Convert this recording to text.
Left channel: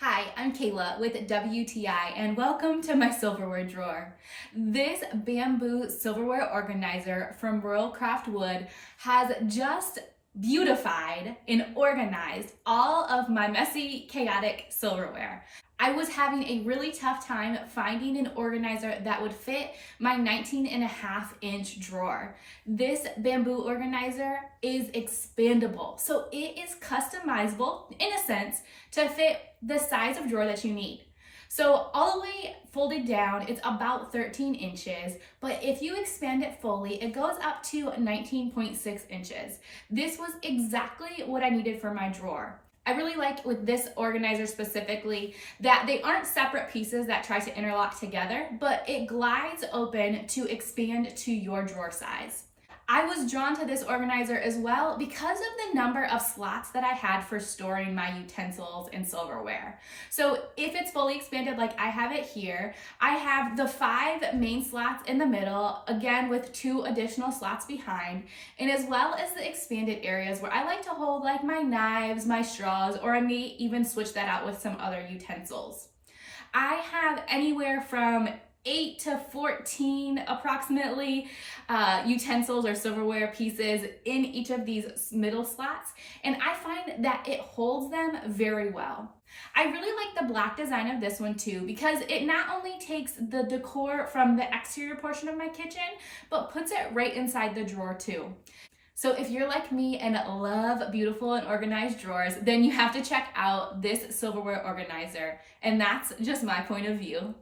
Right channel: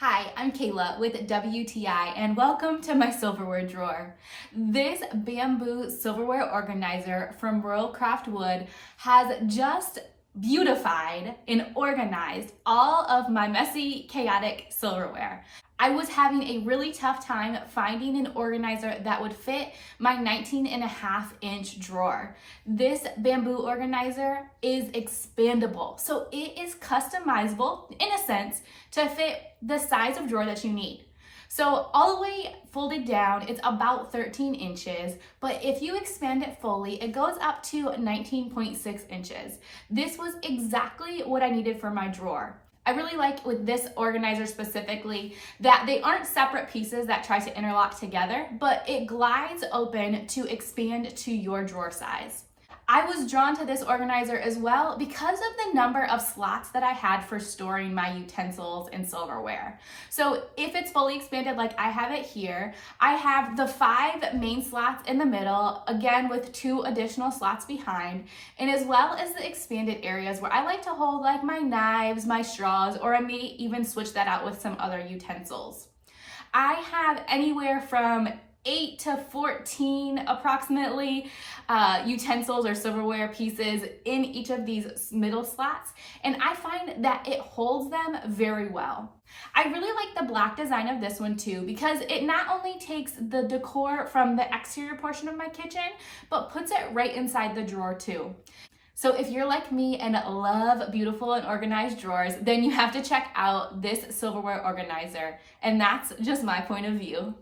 Hi, I'm Kayla with WTI and welcome to my silverware drawer. This bamboo silverware organizer from Royal Craft Wood has just beautified and organized all of my messy, chaotic silverware. I was having a really tough time finding an organizer that would fit my 19.5-inch drawer. This bamboo organizer is expandable, so it is customizable in a sense to fit the size of drawer that you need. So all the way folded down, it's about 13 inches, but if you expand it fully, it goes up to 19.6 inches. This was exactly what I needed for my drawer. I really like with this organizer specifically that they aren't separate pieces that try to interlock together, but it glides open to expand to your drawer size. I was drawn to this organizer as well because of the number of slots that I had for storing my utensils and silverware. So if it's fully expanded like I have it here, I have the 5 main slots in the middle, again with 2 additional slots behind, and as well as the expanded areas where I like to hold like my knives, my straws, or I may even switch that out with some other utensils. I have anywhere from 8 to 14 approximately utensils or silverware pieces in each of these middle slots, and I find that it holds them very well. I really like the black design of this one too because it not only takes the decor from the exterior portion of my kitchen, but puts it right inside the drawer too. So if you're like me and love beautiful and organized drawers, then you have to check out this silverware organizer, and that's just my point of view.